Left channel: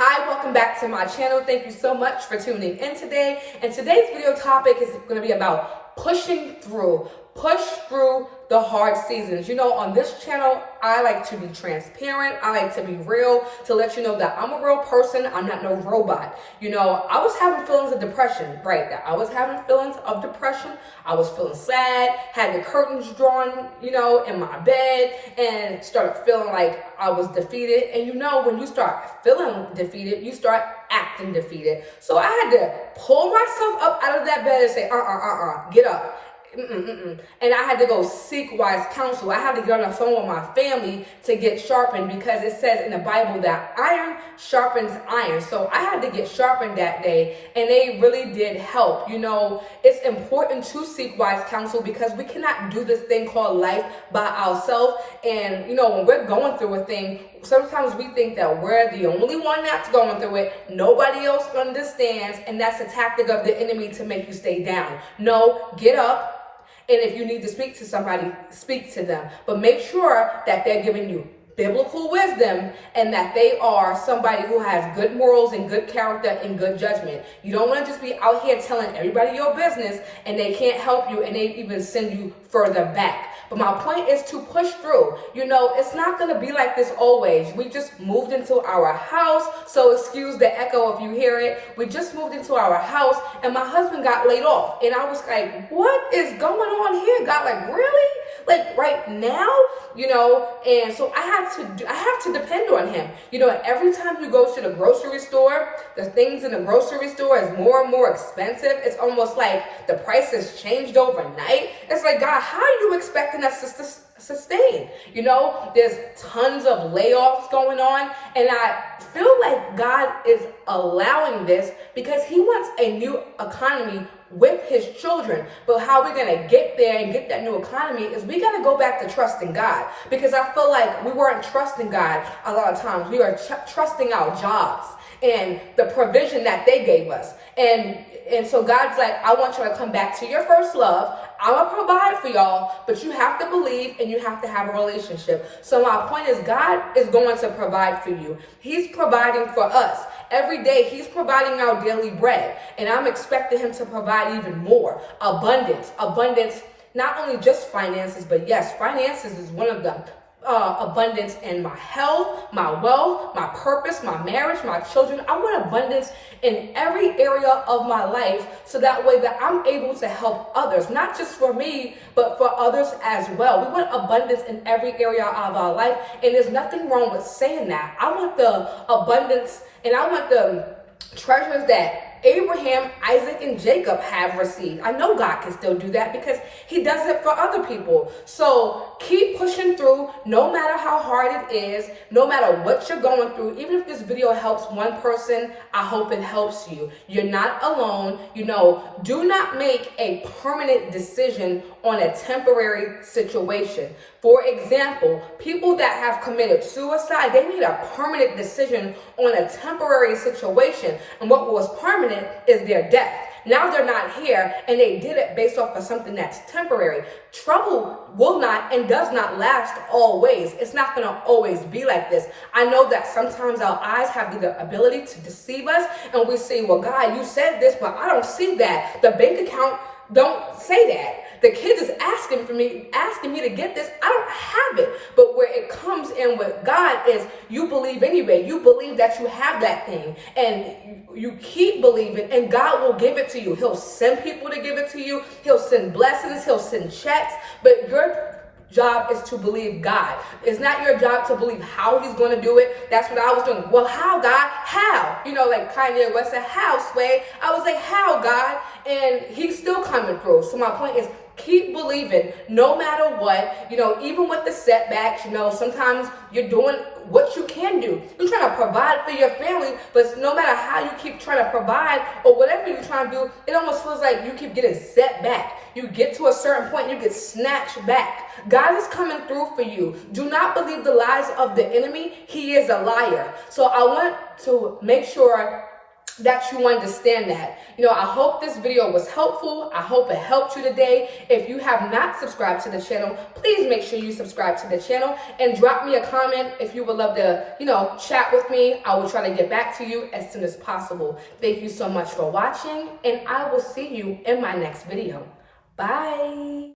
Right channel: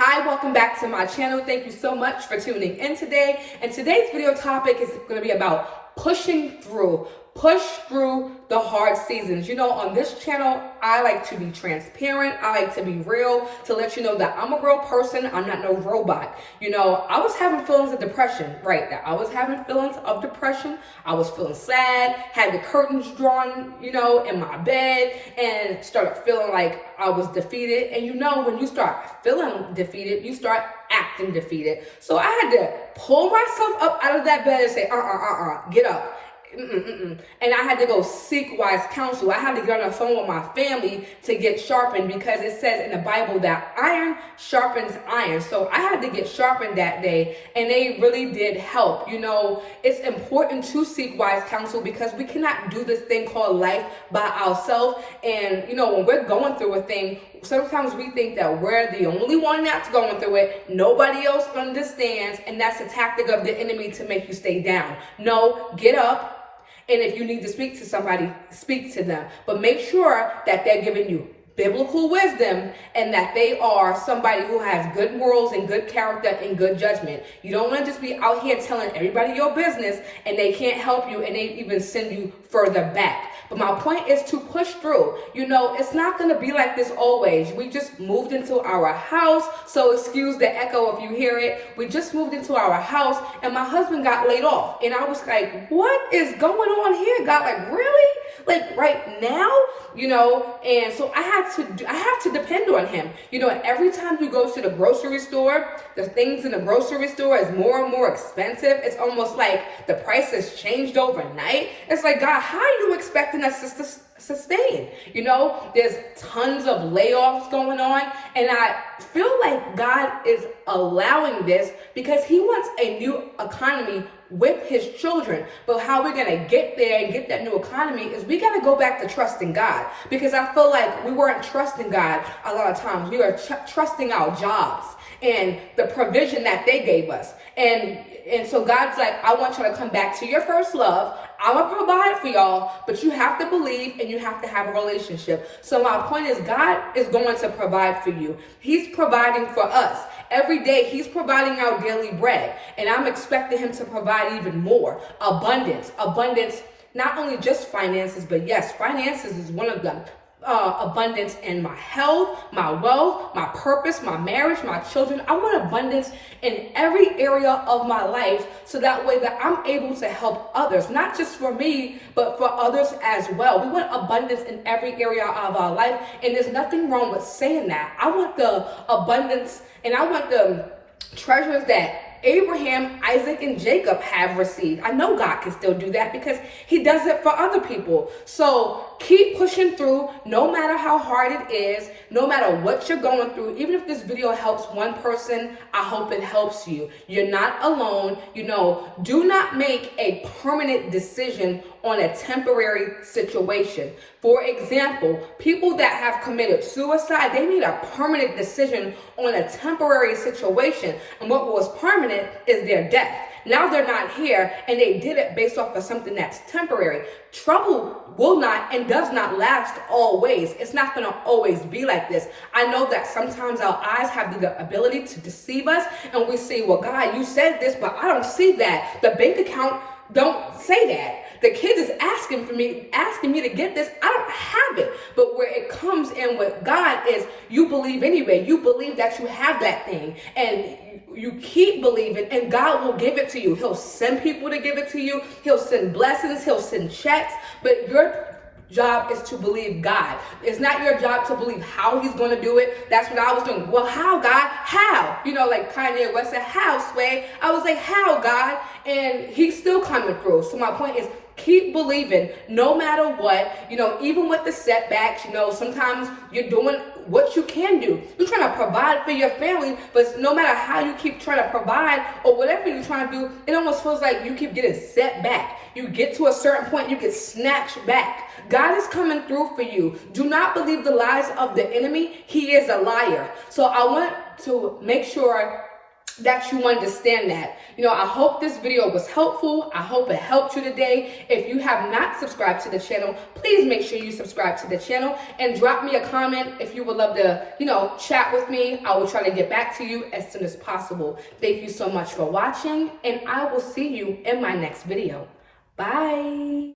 Hi, welcome back to my channel. Thank you so much for tuning in today. And today's video topic is going to be about pushing through. Push through the hard seasons. You know, on this channel, I like to be transparent. I like to be real, to let you know that I'm a real person. I'm not no robot. You know, I was having feelings of depression, right? That I was having feelings of depression. I was feeling sad, had the curtains drawn, you know, in my bed, and started feeling like I was defeated. And you know, when you start feeling defeated, you start acting defeated. So I had to pull myself up out of that bed and say, get up. And I had to go seek wise counsel. I had to get on the phone with my family to get sharpened, because it says in the Bible that iron sharpens iron. So I had to get sharpened that day, and they really did help. You know, it's important to seek wise counsel because we cannot do this thing called life by ourselves. And you know, when we're going through a thing, sometimes we think that we're the only one that's going through it. Nobody else understands, and that's a tactic of the enemy to make you stay down. No, get up. And if you need to speak to somebody, speak to them. But make sure that they're giving you biblical wisdom and that they are somebody who has good morals and good character and good judgment. You don't want to just be out here telling everybody your business and they can't help you and they even send you further back. But my point is to push through. You know, it's not going to be like this always. We just moved into our house, so excuse the echo if you hear it. We just moved into our house and my husband got laid off. And I was like, what is going on here? God, like, really? Like right now? You know, and so I have to depend on him. You know, and every time you go to the grocery store, the things in the grocery store is more and more expensive. It's almost like the price has changed overnight. It's like, God, how are you expecting us to sustain? You know, there's tons of layoffs going on, and I feel like God is allowing this because he wants a new economy with his children. But how we're going to get there and get that new economy is we got to go back to trusting God, because I feel like we weren't trusting God a lot of times. We were trusting our jobs and the provision that they gave us. And so God's like, I want you to come back to your first love. I'm going to provide for y'all, but you have to believe and you have to have a relationship. So my point is, God is going to provide for you. He's providing for us. Every day, he's providing our daily bread. And I'm expecting him to provide even more. Abundance, not only just finances, but yes, finances is one of them. Abundance in my health, my wealth, my purpose, my marriage, my children. I want abundance in every area of my life, so that way that I'm able to help others, not just for me, but for others as well. We want abundance in every area of our life, and there's nothing wrong with saying that. I want the abundance, and I want the treasures that Abraham, Isaac, and Jacob have received. I know God can still do that because he does it for other people. So keep pushing through, no matter how hard it is, no matter what you're going through. Even if this video helps one person, I hope it helps you. You're not alone. You know, do not make a permanent decision on a temporary situation. For example, people that have committed suicide, they made a permanent decision on a temporary situation. And what was permanent is their death. Now they're not here, and they did it based off of something that's temporary. Trouble will not and does not last always. It's not going to always be like this. I know that sometimes our eyes have the ability to deceive us, and we say, well, God, you said this, but I don't see that. The bank account don't say that. The kid is asking me to get this. I don't have it. But where it comes in with God is you believe anyway. You believe that you have that thing, and you keep believing, and God will give it to you. He'll send people to give it to you. He'll send blessings. He'll send checks. But your job is to believe God. It's not your job to believe how he's going to do it. That's what I was doing. Well, how, God? How? You know, like Kanye West said, how, Sway? I was like, how, God? And he's still coming through. So my point is, keep believing no matter what. You know, even with the setbacks, you know, sometimes you're doing what you can do. You're trying to provide for your family, but no matter how you keep trying to provide or whatever you're trying to do, it almost feels like you keep getting set back. You get to a certain point, you get snatched back. God is coming through for you. Do not believe the lies of the enemy. He is a liar. So I want to make sure that you understand that. I hope this video was helpful. I hope it helped you today. If you have not subscribed to the channel, please make sure you subscribe to the channel and drop me a comment if you would love to, chat with me. I will try to get back to you as soon as possible. Thank you so much for watching, and I will see you in my next video. Bye.